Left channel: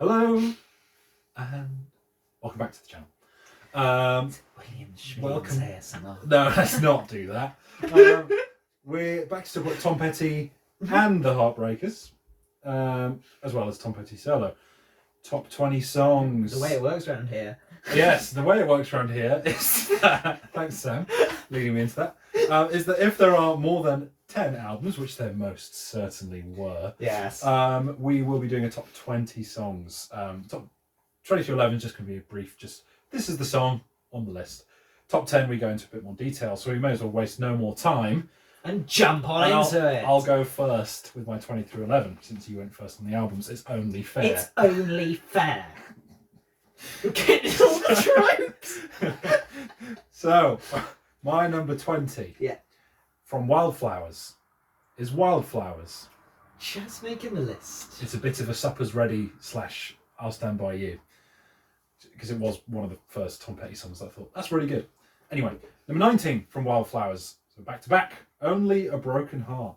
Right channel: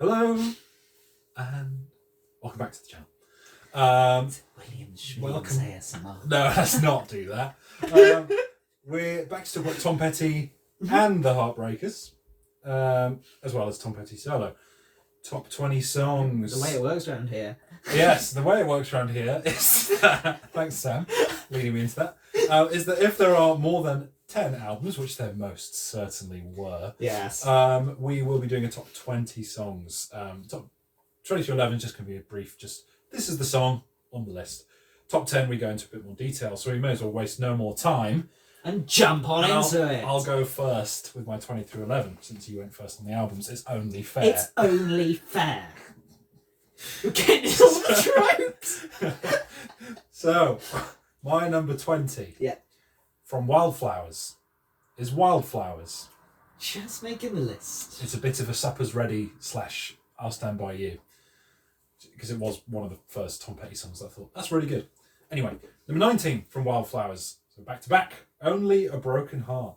Hello, and welcome back to the channel. William Schmidt's welcome. ASMR. No, let's not do that. We're back to talk about Tom Petty and the Heartbreakers, as well as Tom Petty solo. Top 20 songs. The way it works around here. Yes, the way it works around here is that, thanks Sam, leading me into that, is that if there are more than 10 albums, which there most certainly were, Yes. we will be doing a top 20 songs. Top 20 to 11 is just going to be a brief, just this is the song on the list. Top 10 we go into a bit more detail, so we may as well waste no more time. And jump on into it. I'll go first with my 20 through 11, since you went first on the albums. It's only fair. It's only fair. You're getting all the tropes. So, my number 20. Yeah. From Wildflowers is Wildflowers. Just making the list. It's a bit of a supper's ready / I'll stand by you. Because it was one of the first Tom Petty songs that I thought, that's really good. Anyway, number 19 from Wildflowers. So back to back. Only a Broken Heart.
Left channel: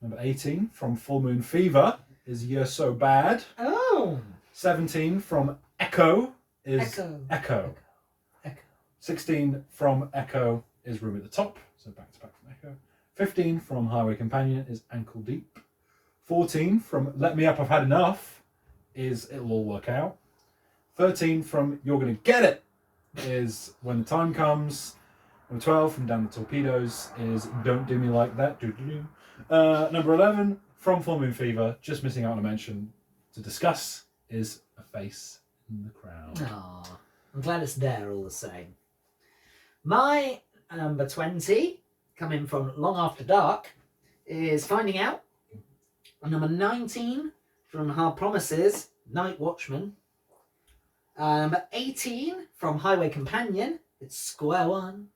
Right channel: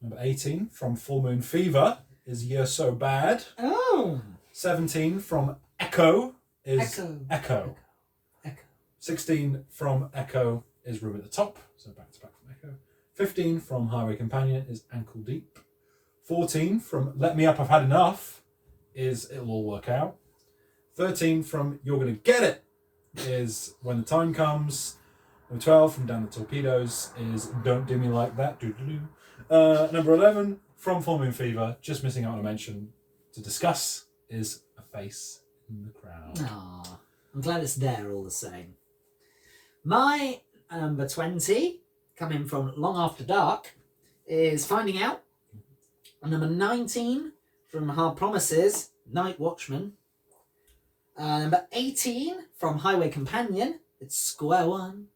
Number 18 from Full Moon Fever is You're So Bad. Oh. 17 from Echo is Echo. 16 from Echo is Room at the Top. So back to back from Echo. 15 from Highway Companion is Ankle Deep. 14 from Let Me Up, I've Had Enough is It'll All Work Out. 13 from You're Gonna Get It is When the Time Comes. Number 12 from Down the Torpedoes is Don't Do Me Like That. Number 11 from Full Moon Fever, just missing out on a mention to discuss, is A Face in the Crowd. Aww. I'm glad it's there all the same. My number 20, coming from Long After Dark, is Finding Out. And number 19 from Hard Promises, Night Watchman. Number 18 from Highway Companion, it's Square One.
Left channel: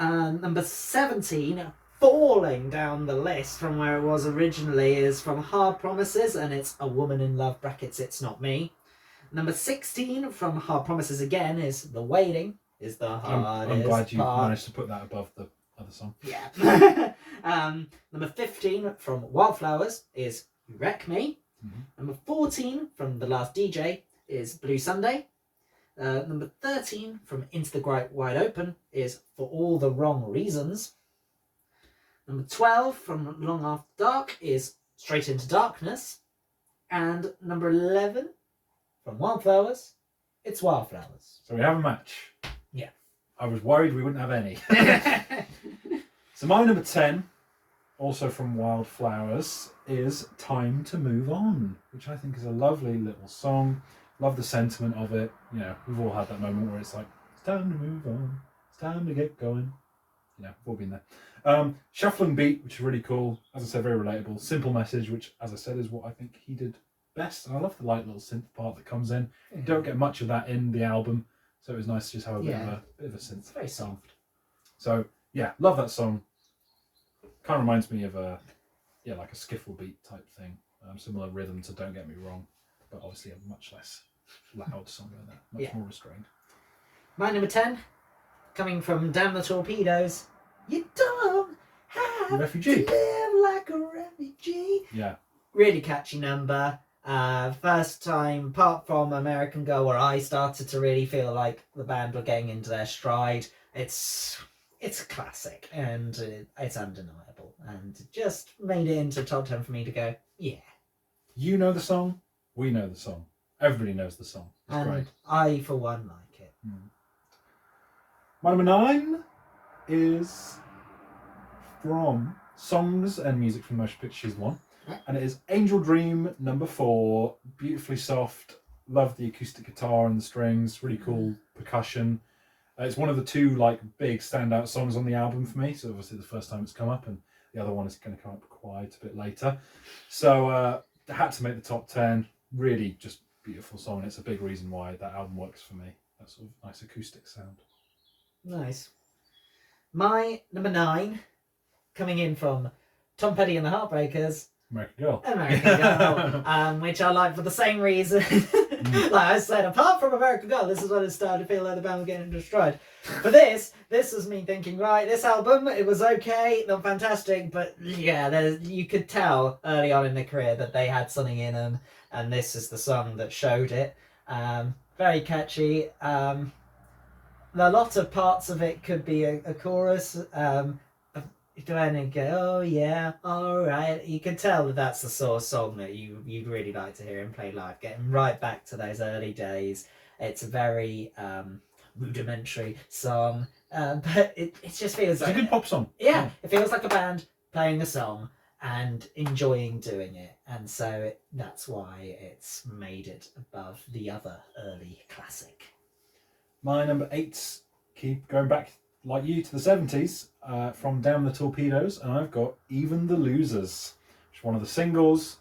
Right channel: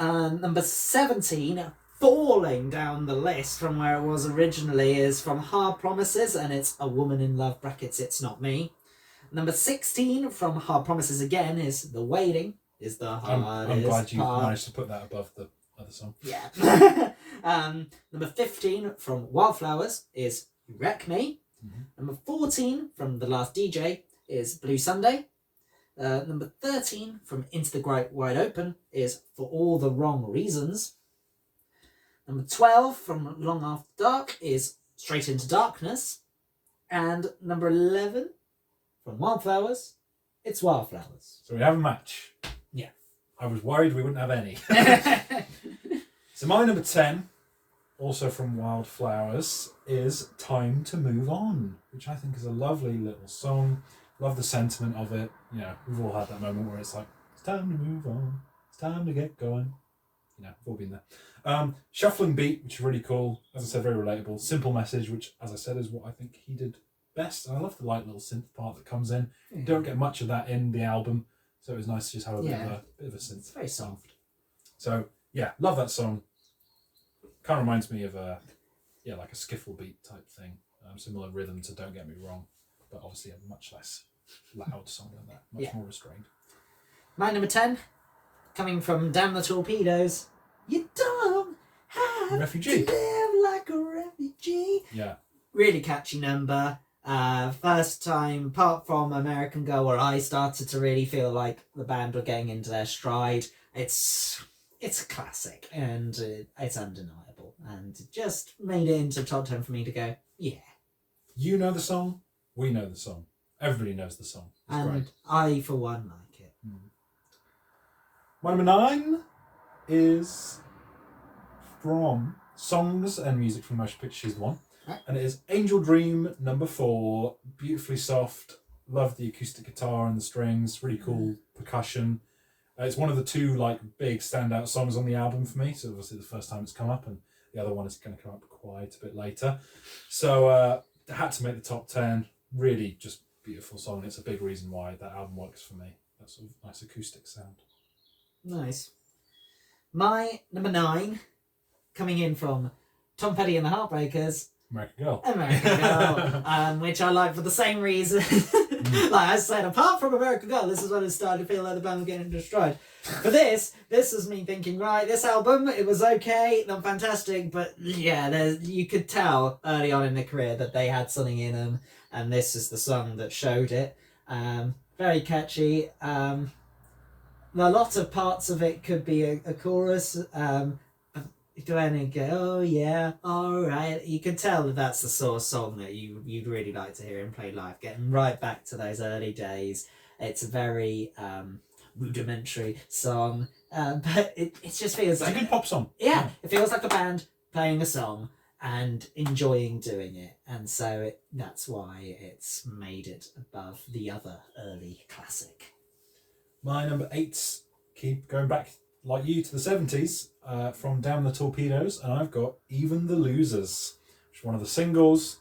Number 17, falling down the list from where it was originally, is from Hard Promises, and it's A Woman in Love (brackets It's Not Me). Number 16 from Hard Promises again is The Waiting is the hardest I'm glad you part. managed to put that above the other song. Yeah. Number 15 from Wildflowers is You Wreck Me. Mm-hmm. Number 14 from The Last DJ is Blue Sunday. Number 13 from Into the Great Wide Open is For All the Wrong Reasons. Number 12 from Long After Dark is Straight Into Darkness. And number 11 from Wildflowers, it's Wildflowers. So we have a match. Yeah. I was worried we wouldn't have any. So my number 10, also from Wildflowers, is Time to Move On, which I think is a lovely little song. Love the sentiment of it. You know, we've all had that moment where it's like, it's time to move on. It's time to get going. You know, we've all been there. Shuffling beat, which is really cool. As I said, very relatable. Simple message, which, as I said, is what I think he did best. And I love the light little synth part that comes in. You don't get much of that in the album, so it was nice to just have a bit of a synth. It's very soft. So yeah, love that song. Kind of reminds me of like a skiffle beat type thing. Similar rhythm to Don't Get Me Wrong, but obviously a much less loud song than that. Much more restrained. My number 10, coming from Damn the Torpedoes. You don't have Refugee. to live like a refugee. Yeah. Really catchy number. First time, apart from American Girl, where I started to really feel like the band were getting into their stride. It's a classic, and it's undeniable, and it just made it into top 10 for me to go, yeah. You know the song. We know the song. Everybody knows the song. It's And great. I, for one, like it. My number 9 is from Songs and Music from Motion Pictures 1. Right. And it is Angel Dream, number 4. Beautifully soft. Love the acoustic guitar and the strings. Really cool percussion. It's one of the two like big standout songs on the album for me. So obviously the first time it's come up, and the other one is going to come up quite a bit later. So had to make the top 10. Really just beautiful song. It's a big reason why that album works for me. That sort of nice acoustic sound. Nice. My number 9, coming in from Tom Petty and the Heartbreakers, American Girl. American Girl, which I like for the same reason. Like I said, apart from American Girl, this is when it started to feel like the band was getting into stride. But this was me thinking, right, this album, it was okay, not fantastic, but yeah, you could tell early on in their career that they had something in them. and this is the song that showed it. Very catchy. A lot of parts of it could be a chorus. When you go, oh yeah, all right. You can tell that that's the sort of song that you'd really like to hear him play live. Getting right back to those early days. It's a very rudimentary song, but it just feels It's like a good pop song. Yeah, it feels like a band playing a song and enjoying doing it, and so that's why it's made it above the other early classic. My number 8, keep going back like you to the 70s, from Down the Torpedoes, and I've got Even the Losers, which is one of the singles.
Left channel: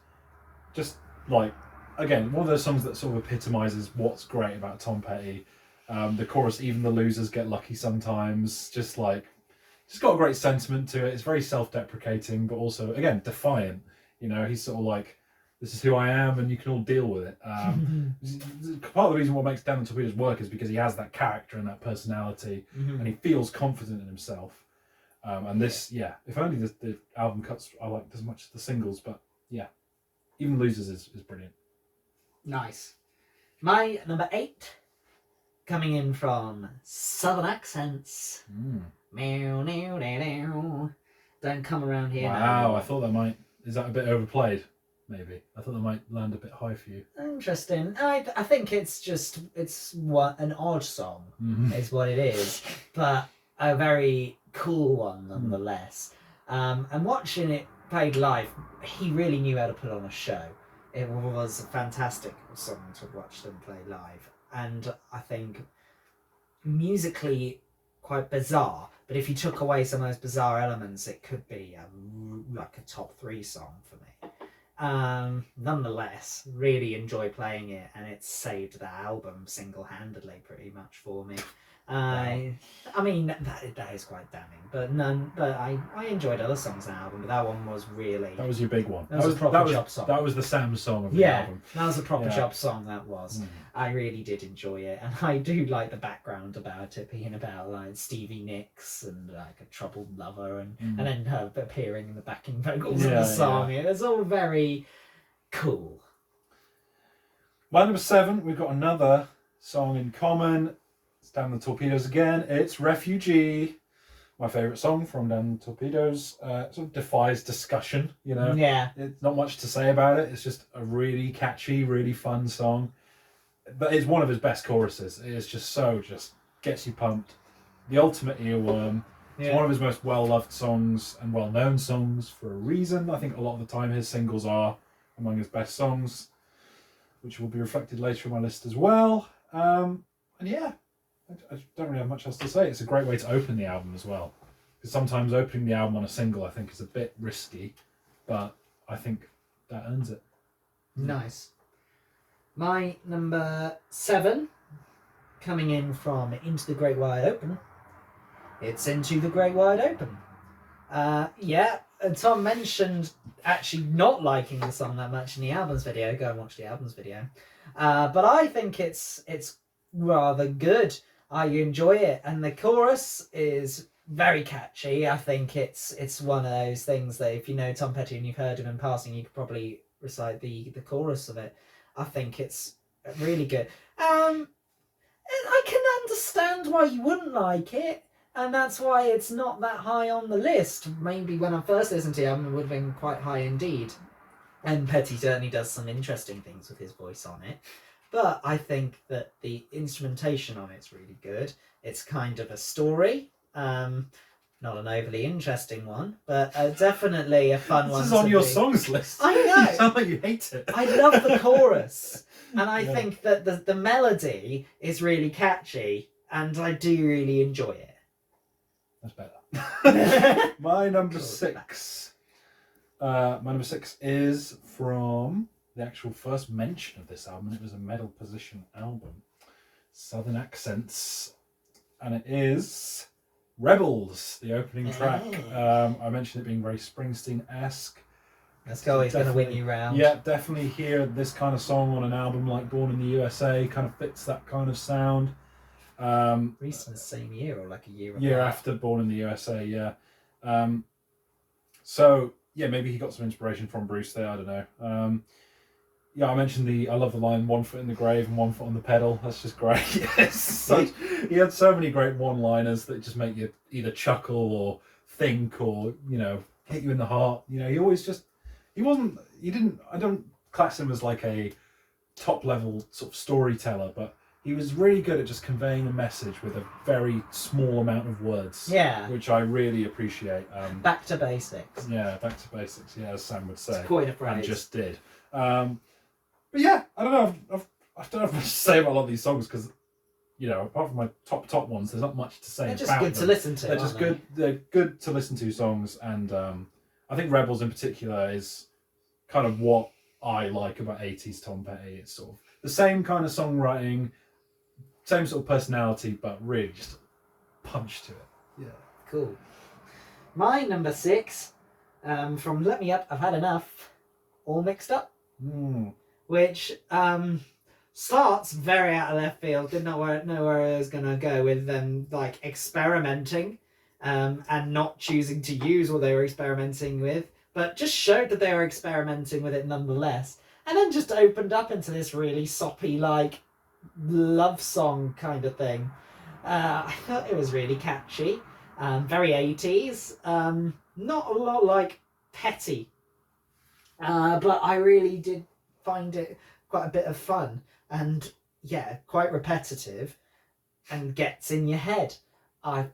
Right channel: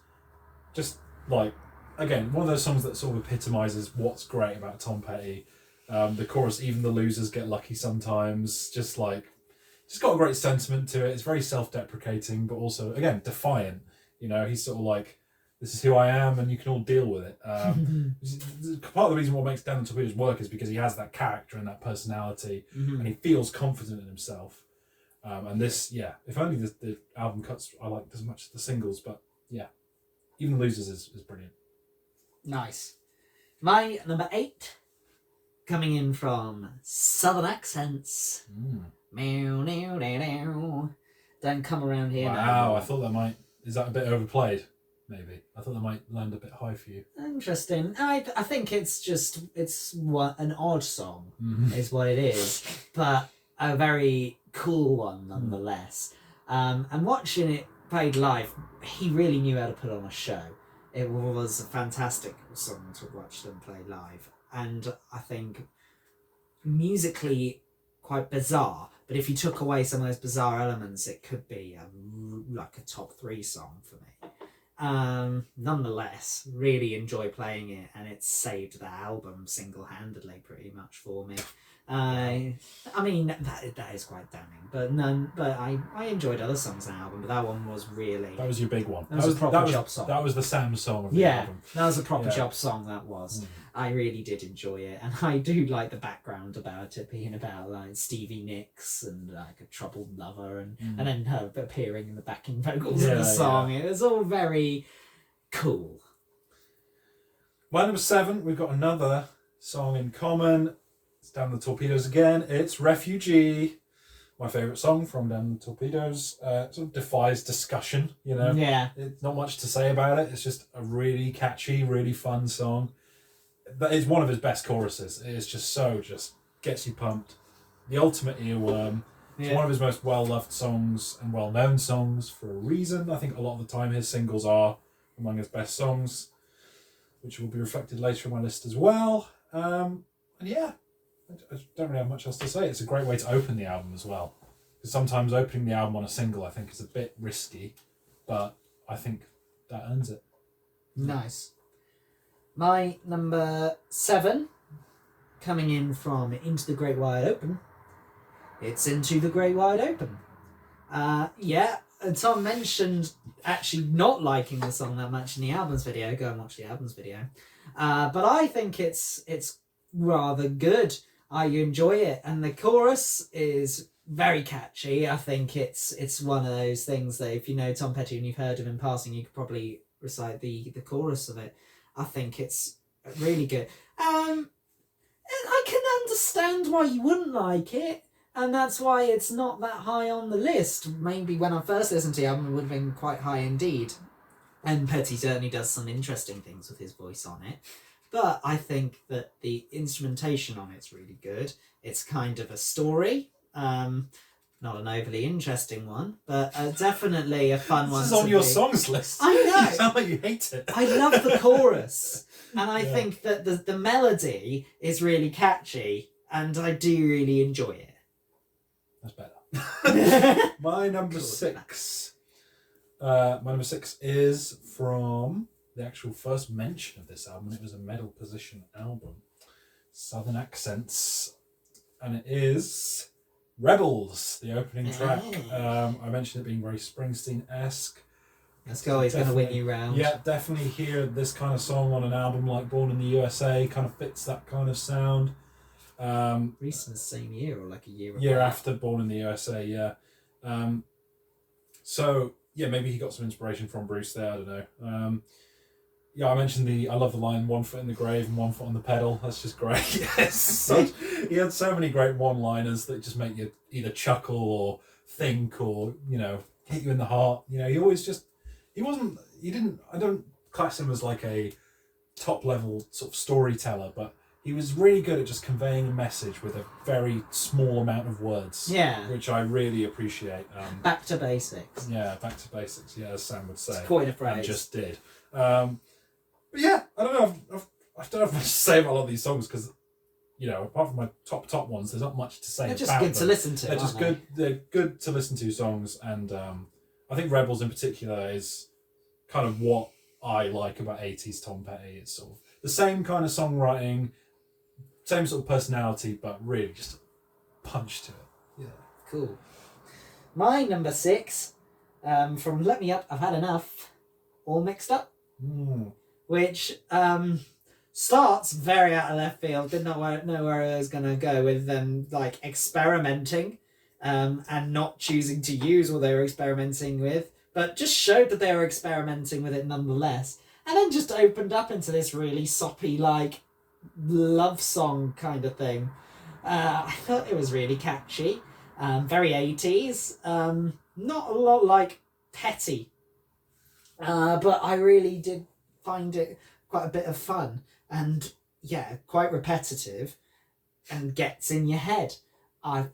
Just like, again, one of those songs that sort of epitomises what's great about Tom Petty. The chorus, Even the Losers Get Lucky Sometimes, just got a great sentiment to it. It's very self-deprecating, but also, again, defiant. You know, he's sort of like, this is who I am, and you can all deal with it. Part of the reason what makes Down the Torpedoes work is because he has that character and that personality, and he feels confident in himself. And this, if only the album cuts I liked as much as the singles, but yeah, Even Losers is brilliant. Nice. My number 8, coming in from Southern Accents. Meow, meow, meow, meow. Don't come around here. Wow, now. I thought that might... Is that a bit overplayed? Maybe. I thought that might land a bit high for you. Interesting. I think it's what an odd song is what it is, but a very cool one nonetheless. And watching it played live, he really knew how to put on a show. It was a fantastic song to watch them play live, and I think musically quite bizarre. But if you took away some of those bizarre elements, it could be like a top 3 song for me. Nonetheless, really enjoy playing it, and it's saved the album single-handedly pretty much for me. I mean that is quite damning, but I enjoyed other songs on the album, but that one was really... That was your big one. That was a proper job song. That was the Sam song of the album. That was a proper job song, that was. I really did enjoy it, and I do like the background about it being about like Stevie Nicks and like a troubled lover, and then her appearing in the backing vocals of the song. It was all very cool. My number 7, we've got another song in common. It's Down the Torpedoes again. It's Refugee. My favourite song from Down the Torpedoes. Sort of defies discussion, you know. Yeah. It's not much to say about it. It's just a really catchy, really fun song. But it's one of his best choruses. It is just gets you pumped. The ultimate earworm. It's one of his most well-loved songs and well-known songs for a reason. I think a lot of the time his singles are among his best songs, which will be reflected later in my list as well. And yeah, I don't really have much else to say. It's a great way to open the album as well. Because sometimes opening the album on a single I think is a bit risky, but I think that earns it. Nice. My number 7, coming in from Into the Great Wide Open, it's Into the Great Wide Open. Tom mentioned actually not liking the song that much in the albums video. Go and watch the albums video. But I think it's rather good. I enjoy it, and the chorus is very catchy. I think it's one of those things that if you know Tom Petty and you've heard him in passing, you could probably recite the chorus of it. I think it's really good. I can understand why you wouldn't like it, and that's why it's not that high on the list. Maybe when I first listened to the album, it would have been quite high indeed. And Petty certainly does some interesting things with his voice on it. But I think that the instrumentation on it's really good. It's kind of a story. Not an overly interesting one, but definitely a fun one. This is on your songs list. I know. You sound like you hate it. I love the chorus, and I think that the melody is really catchy, and I do really enjoy it. That's better. My number 6. My number 6 is from the actual first mention of this album. It was a medal position album, Southern Accents, and it is Rebels, the opening track. I mentioned it being very Springsteen-esque. Let's go, he's going to win you round. Yeah, definitely hear this kind of song on an album like Born in the USA, kind of fits that kind of sound. Released in the same year or like a year after Born in the USA, yeah. So, yeah, maybe he got some inspiration from Bruce there, I don't know. Yeah, I mentioned I love the line "one foot in the grave and one foot on the pedal." That's just great. He had so many great one-liners that just make you either chuckle or think or hit you in the heart. He always I don't class him as like a top-level sort of storyteller, but he was really good at just conveying a message with a very small amount of words. Yeah. Which I really appreciate. Back to basics. Yeah, back to basics. Yeah, as Sam would say. It's quite a phrase. And just did. But yeah, I don't know. I don't have much to say about a lot of these songs because, apart from my top ones, there's not much to say about them. They're just good to listen to. They're just good. They're good to listen to songs, and I think Rebels in particular is kind of what I like about 80s Tom Petty. It's sort of the same kind of songwriting, same sort of personality, but really just a punch to it. Yeah. Cool. My number 6, from Let Me Up, I've Had Enough, All Mixed Up. Which starts very out of left field. Did not know where I was going to go with them, like experimenting and not choosing to use what they were experimenting with, but just showed that they were experimenting with it nonetheless. And then just opened up into this really soppy, like, love song kind of thing. I thought it was really catchy, very 80s, not a lot like Petty. But I really did find it quite a bit of fun and quite repetitive and gets in your head. I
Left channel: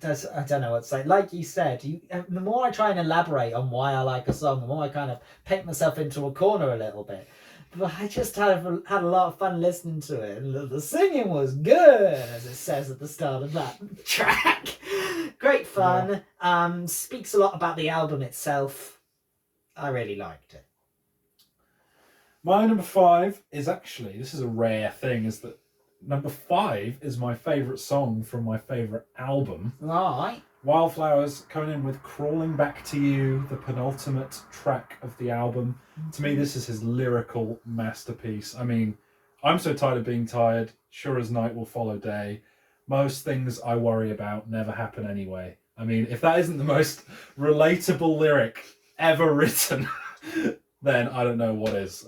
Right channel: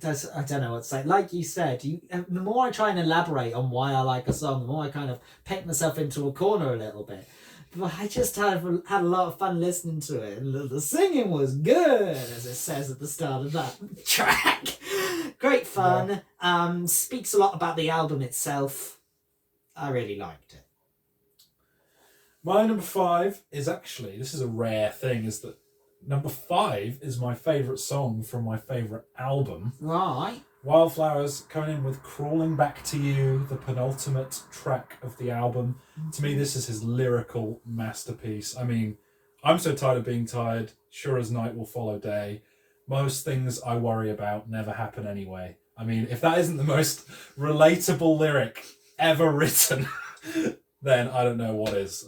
don't know what to say. Like you said, the more I try and elaborate on why I like a song, the more I kind of paint myself into a corner a little bit. But I just had a lot of fun listening to it. And the singing was good, as it says at the start of that track. Great fun. Yeah. Speaks a lot about the album itself. I really liked it. My number 5 is actually, this is a rare thing, is that number 5 is my favourite song from my favourite album. Right. Wildflowers coming in with Crawling Back to You, the penultimate track of the album. Mm-hmm. To me, this is his lyrical masterpiece. I mean, I'm so tired of being tired. Sure as night will follow day. Most things I worry about never happen anyway. I mean, if that isn't the most relatable lyric ever written, then I don't know what is.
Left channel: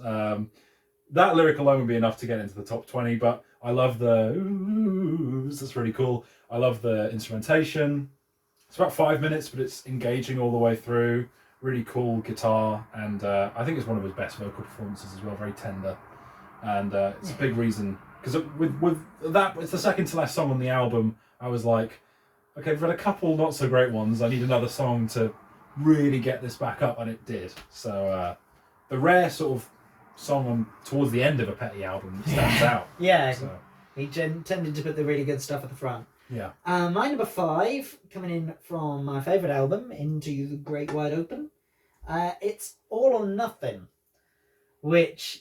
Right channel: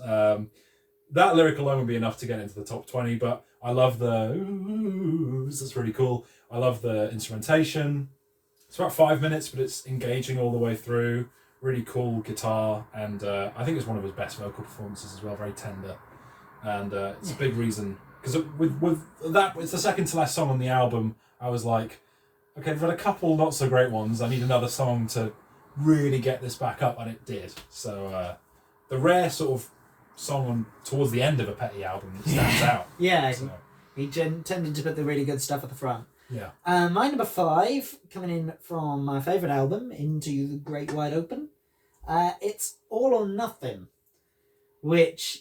That lyric alone would be enough to get into the top 20, but I love the oohs, that's really cool. I love the instrumentation. It's about 5 minutes, but it's engaging all the way through. Really cool guitar, and I think it's one of his best vocal performances as well, very tender. And it's a big reason, because with that, it's the second to last song on the album, I was like, okay, we've had a couple not so great ones, I need another song to really get this back up, and it did. So the rare sort of song towards the end of a Petty album that stands out. Yeah, so. He tended to put the really good stuff at the front. Yeah. My number 5, coming in from my favourite album, Into the Great Wide Open, it's All or Nothin, which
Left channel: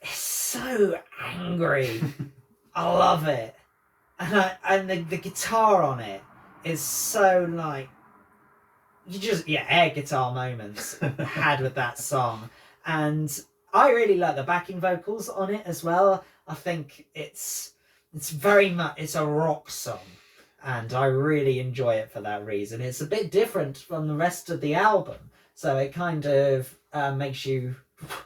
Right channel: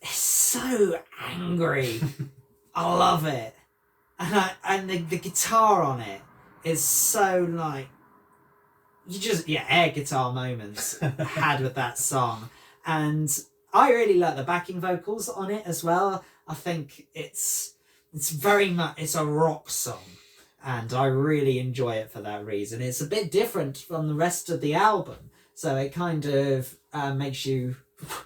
is so angry. I love it. And the guitar on it is so like, air guitar moments had with that song. And I really like the backing vocals on it as well. I think it's very much, it's a rock song, and I really enjoy it for that reason. It's a bit different from the rest of the album, so it kind of makes you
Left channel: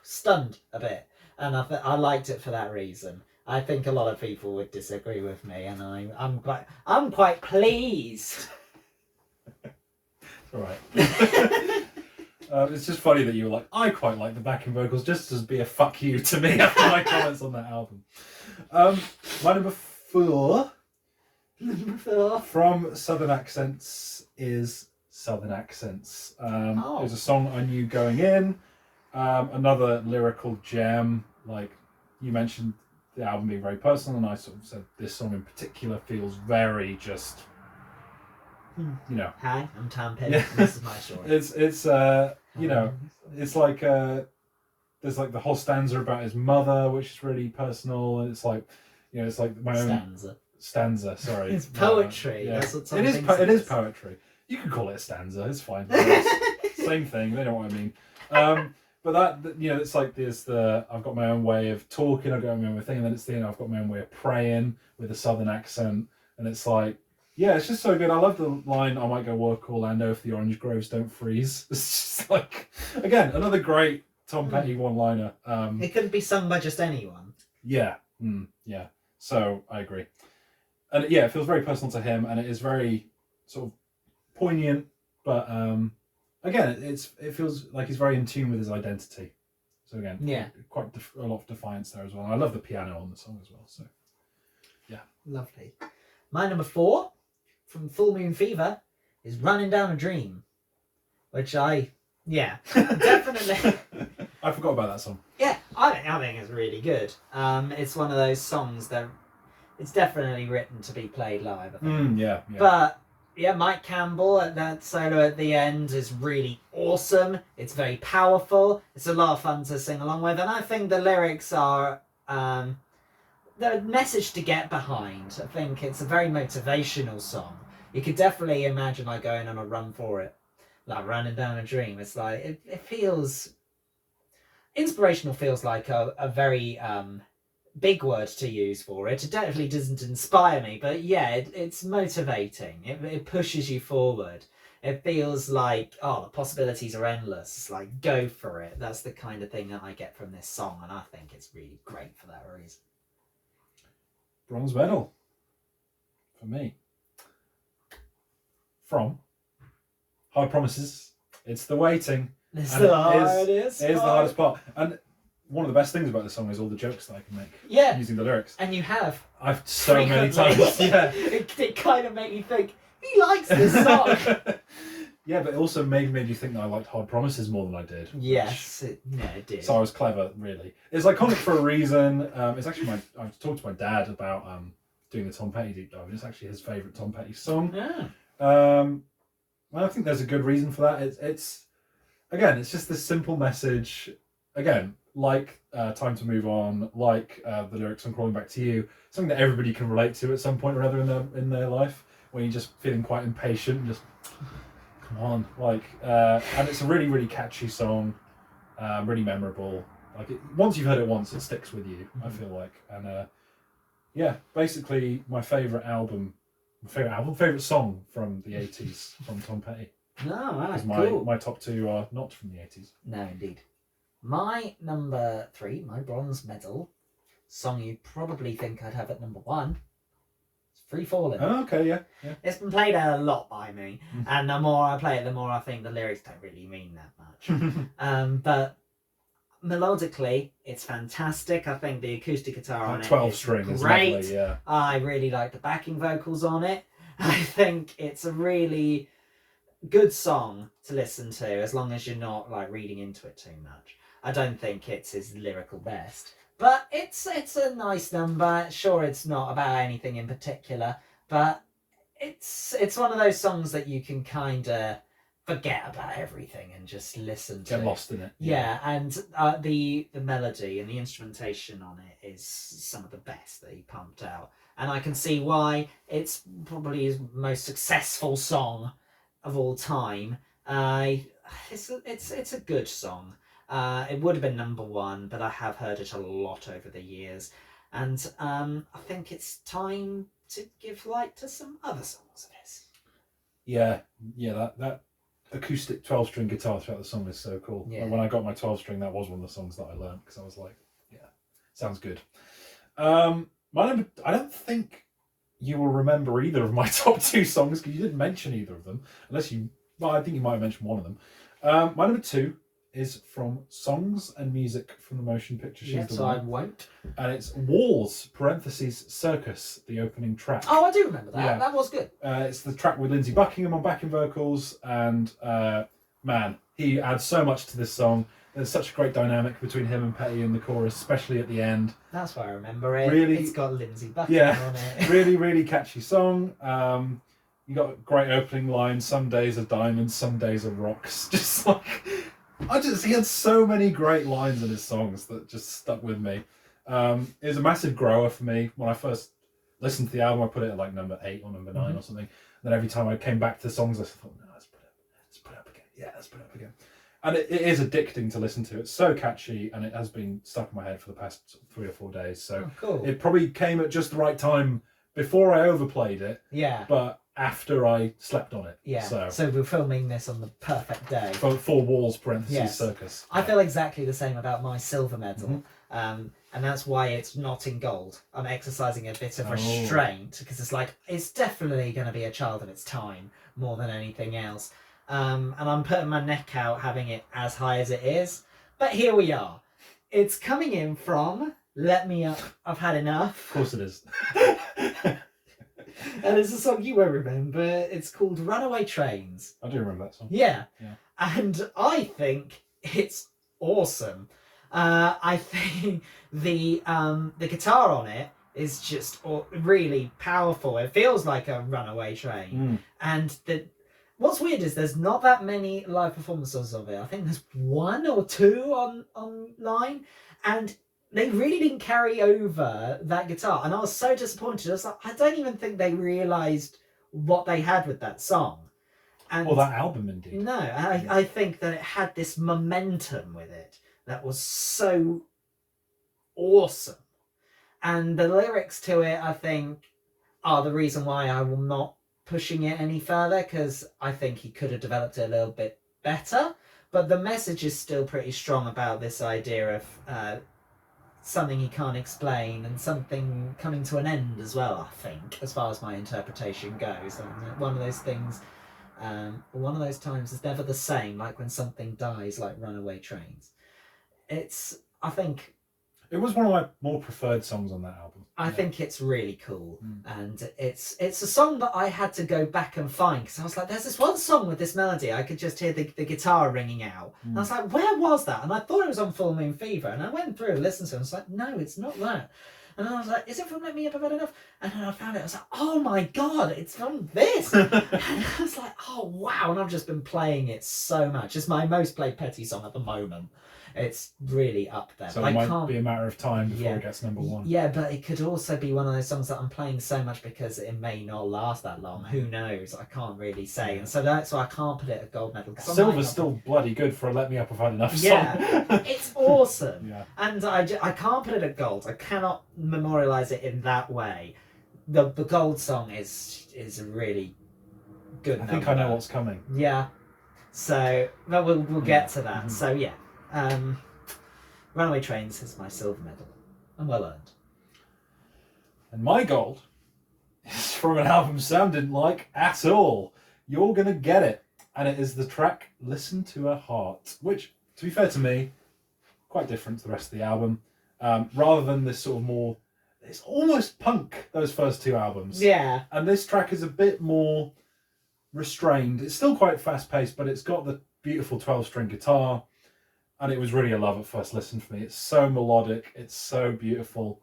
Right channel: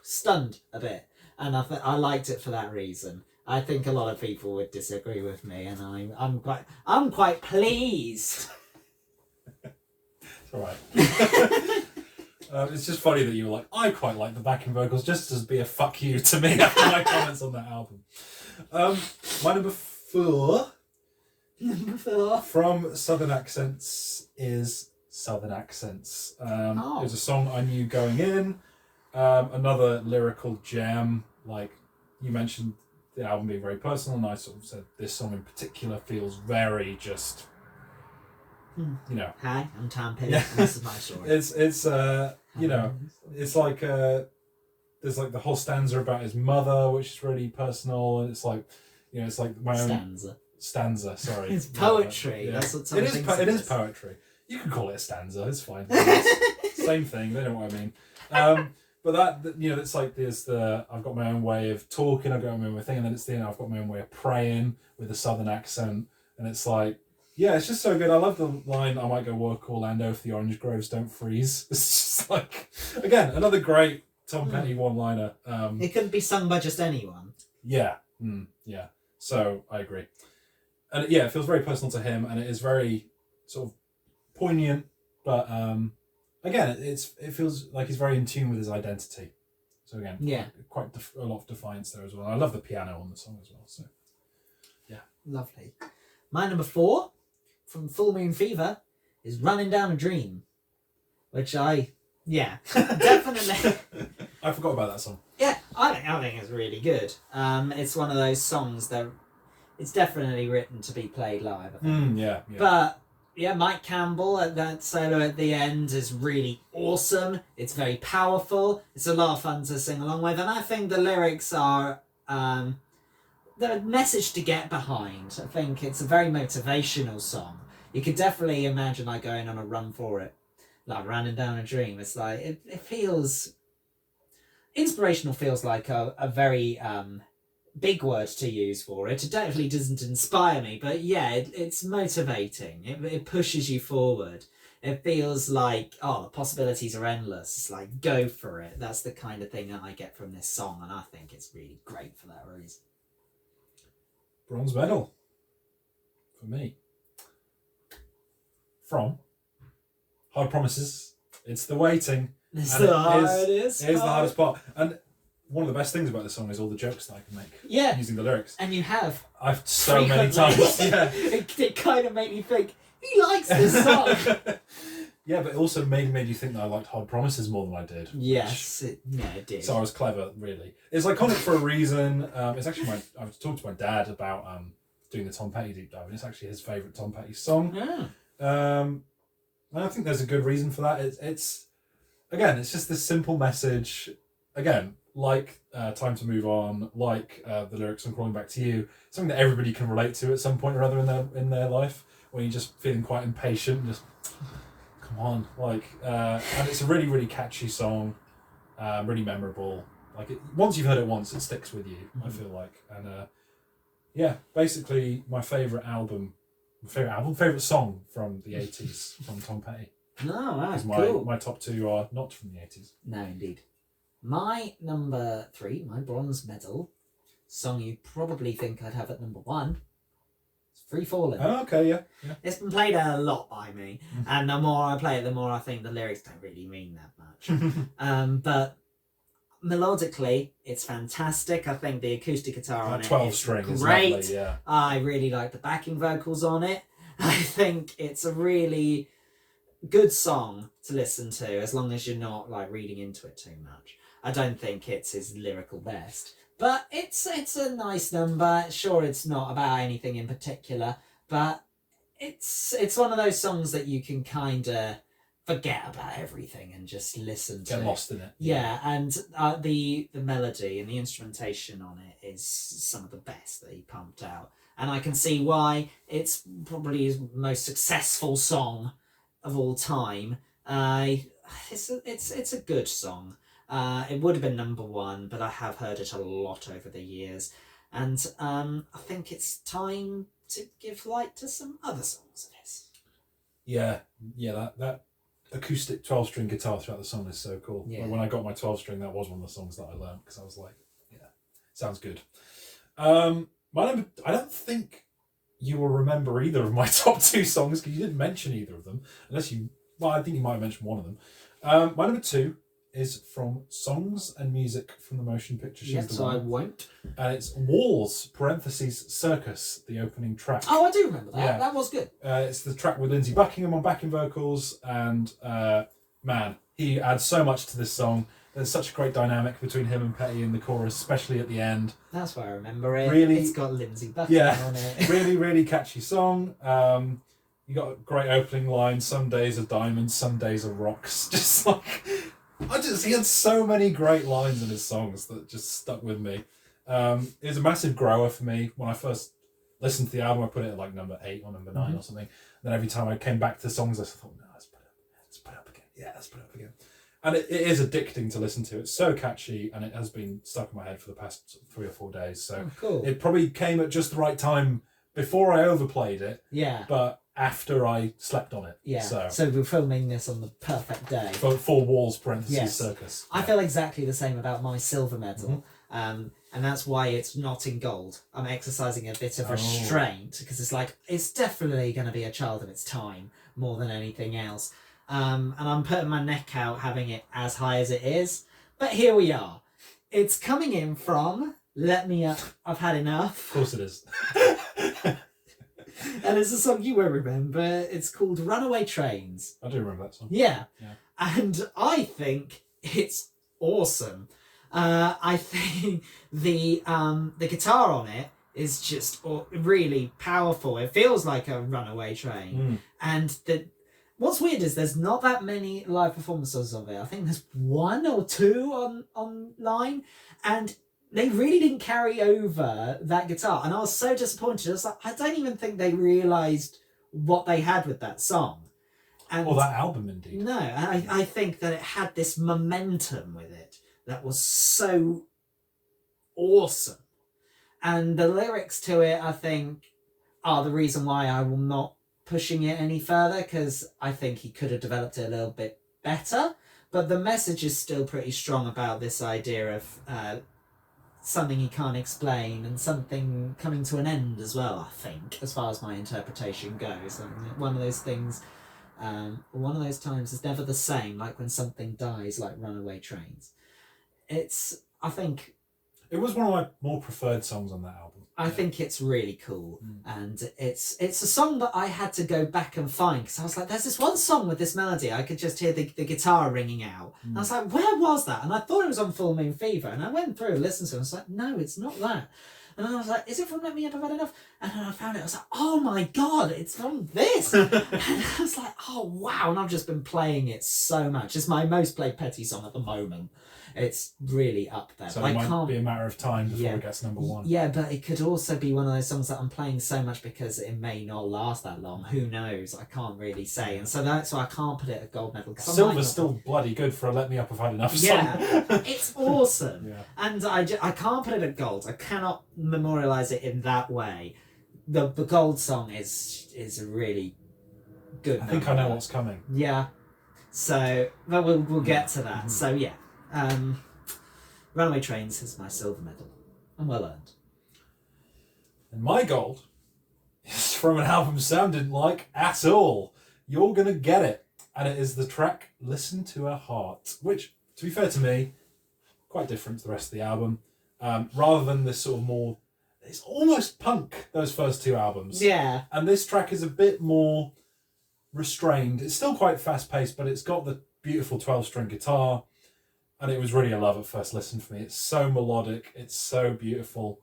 stunned a bit, and I liked it for that reason. I think a lot of people would disagree with me, and I'm quite pleased. It's all right. It's just funny that you were like, I quite like the backing vocals, just as be a fuck you to me after my comments on that album. My number 4 from Southern Accents is Southern Accents. It was a song I knew going in. Another lyrical gem. Like you mentioned, the album being very personal, and I sort of said this song in particular feels very just, Hi, I'm Tom Petty. Yeah. This is my story. It's it's like there's like the whole stanza about his mother, which is really personal, and it's like, it's like my own stanza. Sorry, it's poetry. That's what Tom thinks it is poetry. You can call it a stanza. It's fine. Same thing. They know what I mean. But that, it's like there's I've got my own way of talking. I've got my own way of thinking. And then it's I've got my own way of praying with a southern accent, and it's like. Yeah, it's just so good. I love the line, I might go work Orlando if the orange groves don't freeze. It's just like, again, another great Tom Petty one-liner. It couldn't be sung by just anyone. Yeah, yeah. So I agree, and yeah, it feels very personal to him, and it is very sort of poignant. But again, it feels like he's very in tune with his identity. So again, yeah, quite a lot of defiance there as well. And I love the piano on the song as well. So yeah, lovely. My number 4 from Full Moon Fever is "Running Down a Dream," which definitely. I forgot about that song. Yeah, I think it's really good. It's one of those songs that it's definitely written to be played live. I think. Yeah. But yeah, Mike Campbell at that solo at the end is really awesome. It's very powerful. It's a lot of fun to sing along with, and I think the lyrics are the message to get behind. I think it's a very motivational song. You could definitely imagine like going on a run for it, like running down a dream. It's like it feels inspirational. Feels like a very big word to use for it. It definitely doesn't inspire me, but yeah, it's motivating. It pushes you forward. It feels like, oh, the possibilities are endless. It's like, go for it. That's the kind of thing that I get from this song, and I think it's really great for that reason. Bronze medal for me. From Hard Promises. It's the waiting. It's the hardest It is the hardest part. And one of the best things about this song is all the jokes that I can make using the lyrics. And you have. I've so many times. Yeah. it kind of made me think, he likes this song. Yeah, but it also made you think that I liked Hard Promises more than I did. Yes, it did. So I was clever, really. It's iconic for a reason. It's actually I've talked to my dad about doing the Tom Petty deep dive, and it's actually his favourite Tom Petty song. Yeah. And I think there's a good reason for that. It's just this simple message. Again, like Time to Move On, like the lyrics on Crawling Back to You, something that everybody can relate to at some point or other in their life, when you're just feeling quite impatient, just come on, and it's a really, really catchy song, really memorable. Once you've heard it once, it sticks with you. I feel like, and basically my favourite song from the 80s from Tom Petty. No, that's cool. My top 2 are not from the 80s. No, indeed. My number 3, my bronze medal song you probably think I'd have at number 1. Free Fallin'. Oh, okay, yeah. It's been played a lot by me, and the more I play it, the more I think the lyrics don't really mean that much. But melodically, it's fantastic. I think the acoustic guitar on it 12 is string is great. lovely, yeah. I really like the backing vocals on it. I think it's a really good song to listen to, as long as you're not reading into it too much. I don't think it's his lyrical best. But it's a nice number. Sure, it's not about anything in particular, but it's one of those songs that you can kind of forget about everything and just listen to. Get lost in it. Yeah, and the melody and the instrumentation on it is some of the best that he pumped out. And I can see why it's probably his most successful song of all time. It's a good song. It would have been number 1, but I have heard it a lot over the years, and I think it's time to give light to some other songs of his. Yeah, that acoustic 12-string guitar throughout the song is so cool. Yeah. And when I got my 12-string, that was one of the songs that I learned, because I was like, yeah, sounds good. I don't think you will remember either of my top 2 songs, because you didn't mention either of them, I think you might have mentioned one of them. My number 2 is from Songs and Music from the Motion Picture. So I won't. And it's Wars, Circus, the opening track. Oh, I do remember that. Yeah. That was good. It's the track with Lindsey Buckingham on backing vocals, and man, he adds so much to this song. There's such a great dynamic between him and Petty in the chorus, especially at the end. That's why I remember it. Really, it's got Lindsey Buckingham on it. Really, really catchy song. You got a great opening line, some days are diamonds, some days are rocks. Just he had so many great lines in his songs that just stuck with me. It was a massive grower for me. When I first listened to the album, I put it at number 8 or number 9 or something. And then every time I came back to the songs, I thought, no, let's put it up again. Yeah, let's put it up again. And it is addicting to listen to. It's so catchy, and it has been stuck in my head for the past 3 or 4 days. So cool. It probably came at just the right time before I overplayed it. Yeah. But after I slept on it. Yeah. So we're filming this on the perfect day. four walls parentheses Yes. Circus. I feel exactly the same about my silver medal. Mm-hmm. And that's why it's not in gold. I'm exercising a bit of restraint because it's like, it's definitely going to be a child of its time more than anything else. And I'm putting my neck out having it as high as it is. But here we are. It's coming in from Let Me Up, I've Had Enough. Of course it is. And it's a song you won't remember. It's called Runaway Trains. I do remember that song. Yeah. And I think it's awesome. I think the guitar on it is just really powerful. It feels like a runaway train. And what's weird is there's not that many live performances of it. I think there's 1 or 2 online, and they really didn't carry over that guitar. And I was so disappointed. I was like, I don't even think they realised what they had with that song. And or that album, indeed. No, I think that it had this momentum with it that was so awesome. And the lyrics to it, I think, are the reason why I will not pushing it any further, because I think he could have developed it a little bit better. But the message is still pretty strong about this idea of something he can't explain and something coming to an end as well, I think, as far as my interpretation goes. And one of those things, one of those times is never the same, like when something dies, like Runaway Trains. I think... It was one of my more preferred songs on that album. I think it's really cool, and it's a song that I had to go back and find, because I was like, there's this one song with this melody, I could just hear the guitar ringing out. And I was like, where was that? And I thought it was on Full Moon Fever, and I went through and listened to it, and I was like, no, it's not that. And then I was like, is it from Let Me Up, I've Had Enough? And then I found it, I was like, oh my god, it's from this! And I was like, oh wow, and I've just been playing it so much. It's my most played Petty song at the moment. It's really up there. So it might be a matter of time before it gets number 1. Yeah, but it could also be one of those songs that I'm playing so much because it may not last that long. Who knows? I can't really say. And so that's why I can't put it at gold medal. Silver's still bloody good for a Let Me Up, I've Had Enough song. Yeah, it's awesome. Yeah. And I can't put it at gold. I cannot memorialise it in that way. The gold song is a really good I think I know what's coming. Yeah. So, but we'll get to that. So, yeah. Runaway Trains is my silver medal, and well earned. And my gold is from an album Sam didn't like at all. You're Gonna Get It. And it is the track Listen to Her Heart, which, to be fair to me, quite different to the rest of the album. Rather than this sort of more, it's almost punk, those first 2 albums. Yeah. And this track is a bit more restrained. It's still quite fast paced, but it's got the beautiful 12-string guitar. And it was really a love at first listen for me. It's so melodic. It's so beautiful.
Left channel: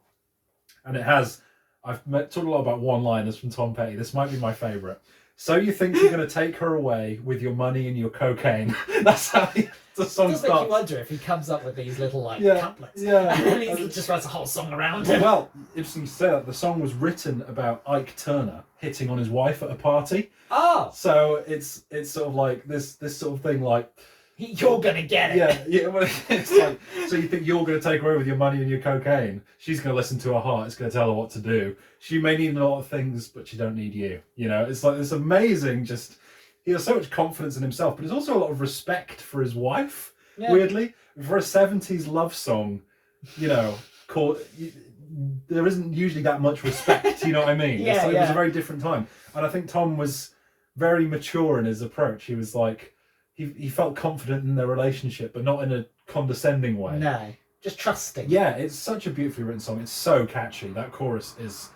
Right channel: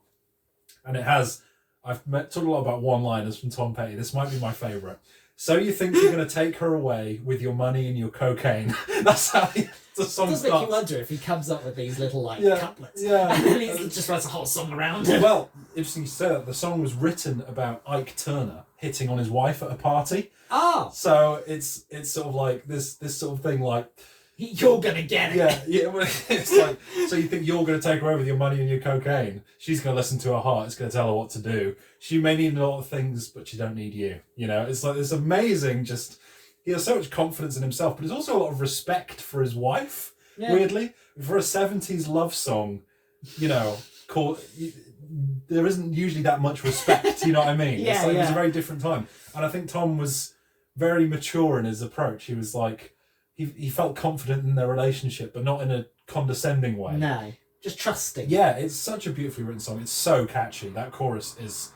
And it has... I've talked a lot about one-liners from Tom Petty. This might be my favourite. So you think you're going to take her away with your money and your cocaine. That's how the song It does starts. make you wonder if he comes up with these little couplets. Yeah. And then he just writes a whole song around it. Well, interesting you say that. The song was written about Ike Turner hitting on his wife at a party. Oh. So it's sort of like this sort of thing like... You're gonna get it. Yeah. Well, it's like, so you think you're going to take her over with your money and your cocaine? She's going to listen to her heart. It's going to tell her what to do. She may need a lot of things, but she don't need you. You know, it's like this amazing. Just he has so much confidence in himself, but there's also a lot of respect for his wife. Yeah. Weirdly, for a '70s love song, you know, there isn't usually that much respect. You know what I mean? Yeah, It was a very different time, and I think Tom was very mature in his approach. He was like. He felt confident in their relationship, but not in a condescending way. No, just trusting. Yeah, it's such a beautifully written song. It's so catchy. That chorus is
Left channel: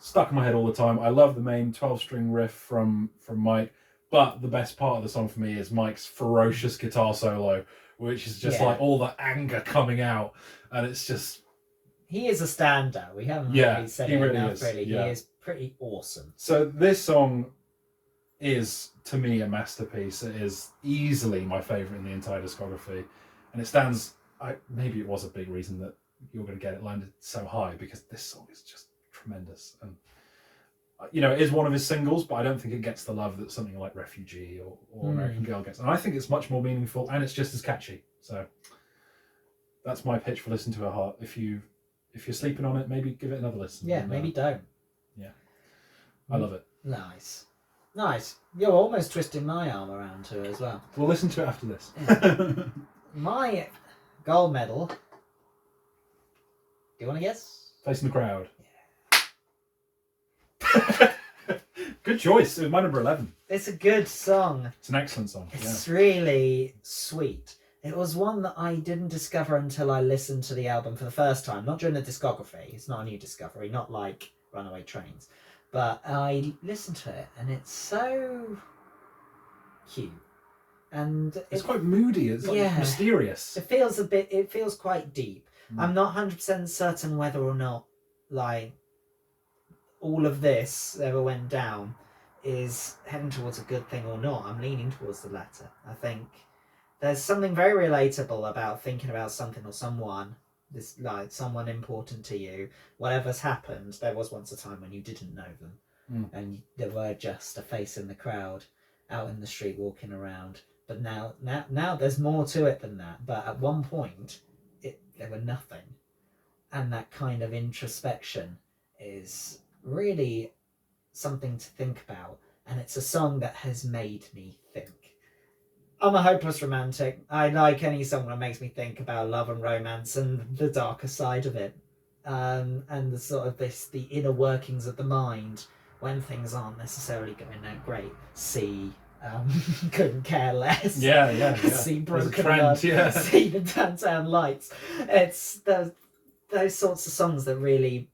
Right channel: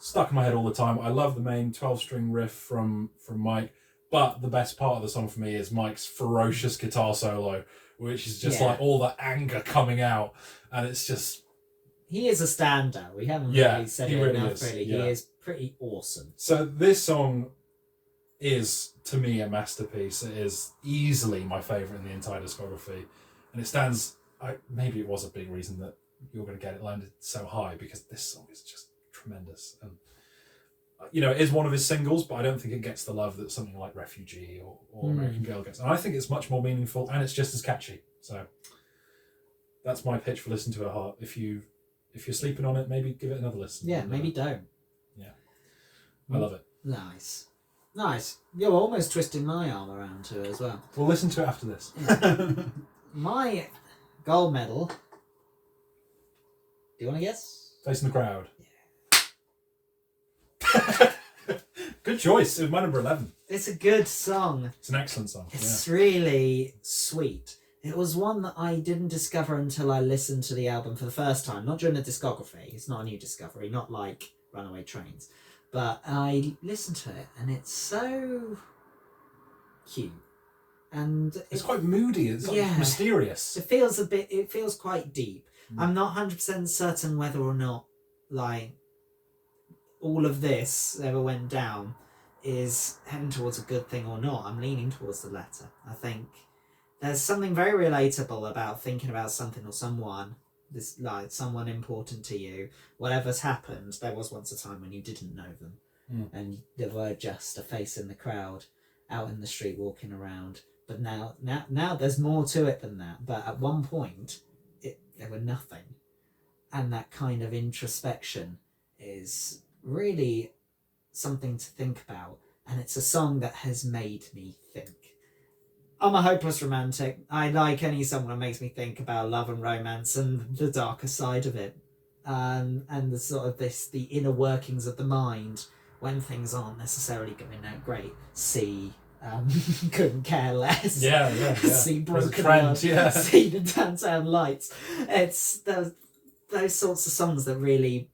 stuck in my head all the time. I love the main 12-string riff from Mike, but the best part of the song for me is Mike's ferocious guitar solo, which is just like all that anger coming out, and it's just... He is a standout. We haven't really said it really enough, is. really. Yeah. He is pretty awesome. So this song is, to me, a masterpiece. It is easily my favourite in the entire discography. And it stands... maybe it was a big reason that You're Gonna Get It landed so high, because this song is just tremendous. And, you know, it is one of his singles, but I don't think it gets the love that something like Refugee or American Girl gets. And I think it's much more meaningful, and it's just as catchy. So that's my pitch for Listen to Her Heart. If you're sleeping on it, maybe give it another listen. Yeah, maybe don't. Yeah. I love it. Nice. Nice. You're almost twisting my arm around to it as well. We'll listen to it after this. Yeah. My gold medal. Do you want to guess? Facing the Crowd. Yeah. Good choice. It was my number 11. It's a good song. It's an excellent song. It's really sweet. It was one that I didn't discover until I listened to the album for the first time. Not during the discography. It's not a new discovery. Not like Runaway Trains. But I listened to it and it's so cute. And it's quite moody. It's like mysterious. It feels quite deep. I'm not 100% certain whether or not like all of this ever went down is heading towards a good thing or not. I'm leaning towards the latter. I think there's something very relatable about thinking about something or someone, this like someone important to you. Whatever's happened, there was once a time when you didn't know them, and they were just a face in the crowd, out in the street walking around. But now there's more to it than that. But at one point, there were nothing, and that kind of introspection is really something to think about. And it's a song that has made me think. I'm a hopeless romantic. I like any song that makes me think about love and romance and the darker side of it, and the sort of the inner workings of the mind when things aren't necessarily going that great. See Couldn't Care Less. Yeah. See Broken trend, Love. yeah. See the Downtown Lights. It's those sorts of songs that really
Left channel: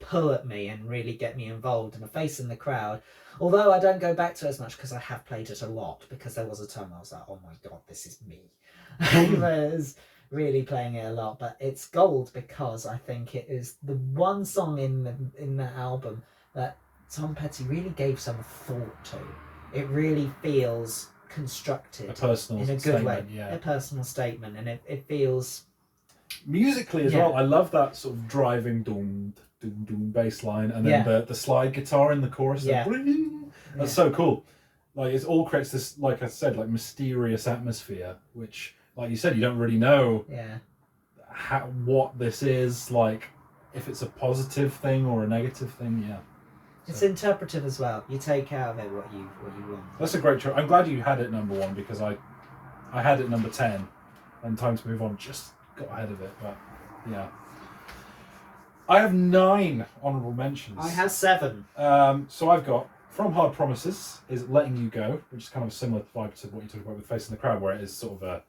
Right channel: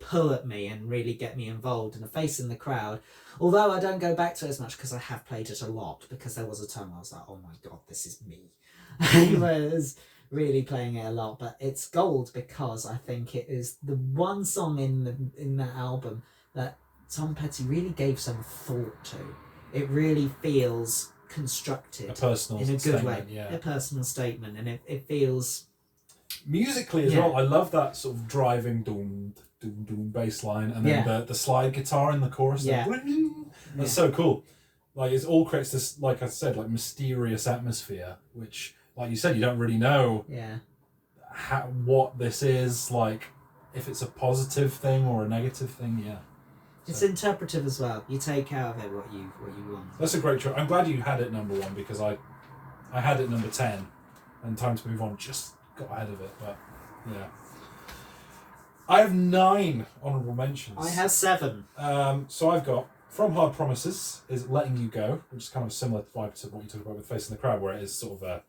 pull at me and really get me involved. And A Face in the Crowd, although I don't go back to it as much because I have played it a lot, because there was a time I was like, oh my god, this is me. I was really playing it a lot. But it's gold because I think it is the one song in the album that Tom Petty really gave some thought to. It really feels constructed, a personal in a good statement, way. yeah. A personal statement, and it feels musically as well. I love that sort of driving doom bass line, and then the slide guitar in the chorus. That's so cool. Like it all creates this, like I said, like mysterious atmosphere, which, like you said, you don't really know what this is, like if it's a positive thing or a negative thing. Yeah. It's interpretive as well. You take out of it what you want. That's a great choice. I'm glad you had it number 1 because I had it number 10, and Time to Move On just got ahead of it. But yeah, I have 9 honourable mentions. I have 7. So I've got From Hard Promises is Letting You Go, which is kind of a similar vibe to what you talked about with Facing the Crowd, where it is sort of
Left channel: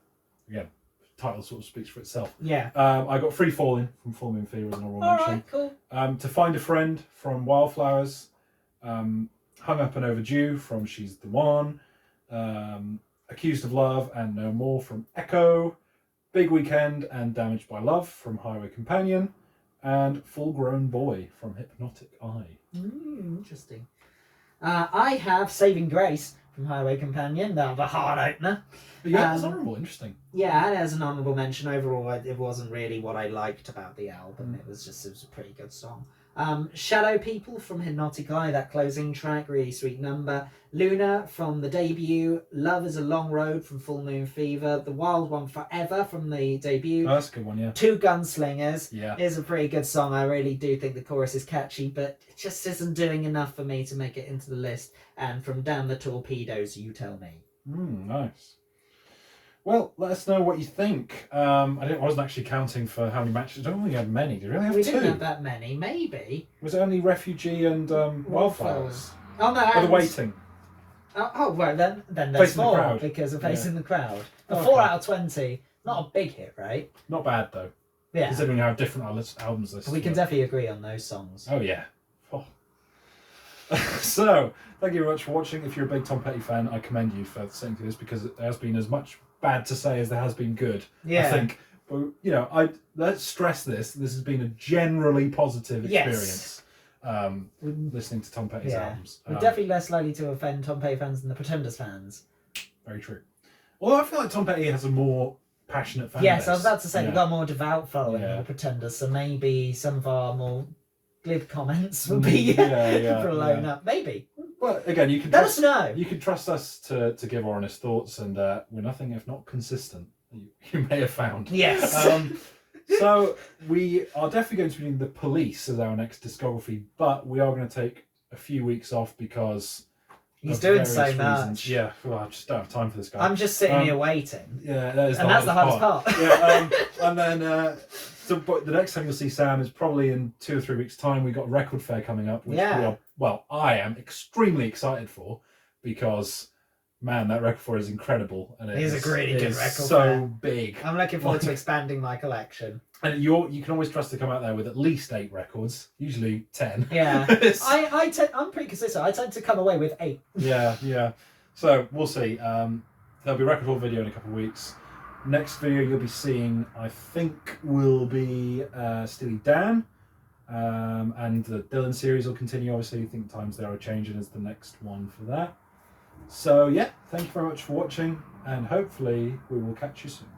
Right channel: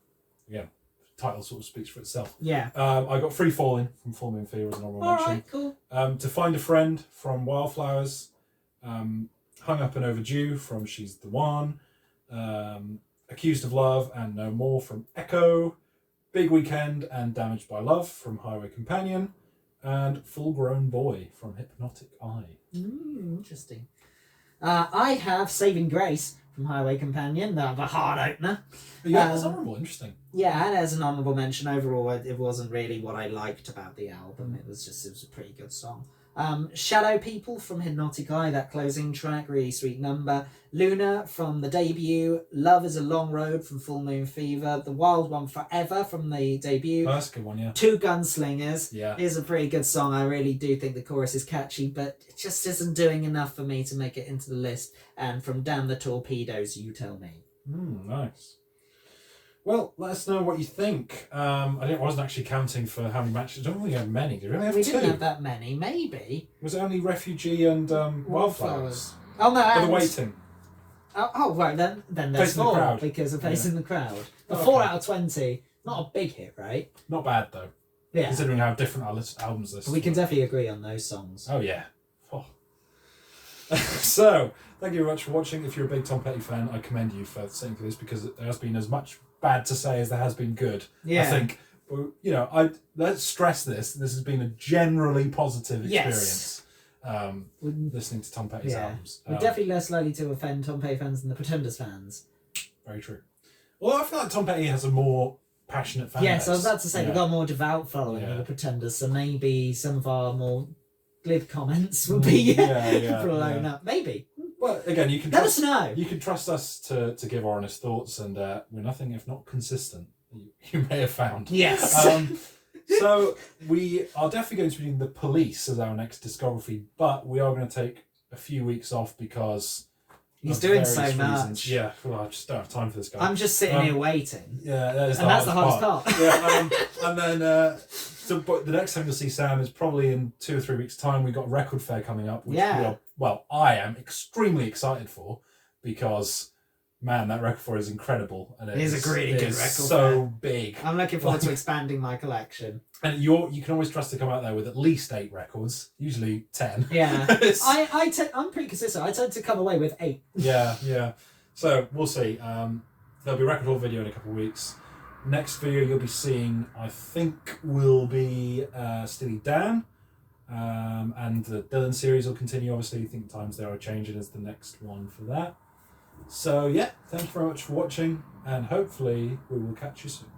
title sort of speaks for itself. Yeah. I got Free Falling from Full Moon Fever as an honourable mention. Alright, cool. To Find a Friend from Wildflowers. Hung Up and Overdue from She's the One. Accused of Love and No More from Echo. Big Weekend and Damaged by Love from Highway Companion. And Full Grown Boy from Hypnotic Eye. Interesting. I have Saving Grace from Highway Companion, the hard opener. Yeah, that's honourable, interesting. Yeah, and as an honourable mention, overall, it wasn't really what I liked about the album. It was a pretty good song. Shadow People from Hypnotic Eye, that closing track, really sweet number. Luna from the debut. Love is a Long Road from Full Moon Fever. The Wild One Forever from the debut. Oh, that's a good one, yeah. Two Gunslingers is a pretty good song. I really do think the chorus is catchy, but it just isn't doing enough for me to make it into the list. And from Damn the Torpedoes, You Tell Me. Nice. Well, let us know what you think. I wasn't actually counting for how many matches. I don't think we had many. Did we only have 2? We didn't have that many, maybe. Was it only Refugee and Wildflowers? Oh no, or The Waiting? Oh well, then there's Facing the 4 Crowd. because of Facing the Crowd. A Okay. 4 out of 20, not a big hit, right? Not bad though. Yeah. Considering how different our albums list. We can definitely agree on those songs. Oh yeah. Oh. So thank you very much for watching. If you're a big Tom Petty fan, I commend you for sitting through this because there has been as much bad to say as there has been good. I think. But let's stress this. This has been a generally positive experience. Listening to Tom Petty's albums. We're definitely less likely to offend Tom Petty fans than the Pretenders fans. Very true. Although I feel like Tom Petty has a more passionate fan Yes, base. I was about to say we've got a more devout following than Yeah. the Pretenders, so maybe some of our more glib comments will be blown up. Maybe. But again, you can Let us know. You can trust us to give our honest thoughts, and we're nothing if not consistent. You may have found. Yes. So we are definitely going to be doing The Police as our next discography, but we are going to take a few weeks off because He's for doing various so reasons. much. Yeah, well, I just don't have time for this guy. I'm just sitting here waiting. Yeah, that is And that's the hardest part. Yeah, and then but the next time you'll see Sam is probably in 2 or 3 weeks' time. We've got a record fair coming up, which I am extremely excited for, because man, that record fair is incredible, and It is a really good record so fair. big. I'm looking forward to expanding my collection. And you can always trust to come out there with at least 8 records, usually 10. Yeah, I'm pretty consistent. I tend to come away with 8. Yeah. So we'll see. There'll be a record haul video in a couple of weeks. Next video you'll be seeing, I think, will be Steely Dan, and the Dylan series will continue. Obviously, I think Times They Are Changing is the next one for that. So yeah, thank you very much for watching, and hopefully we will catch you soon.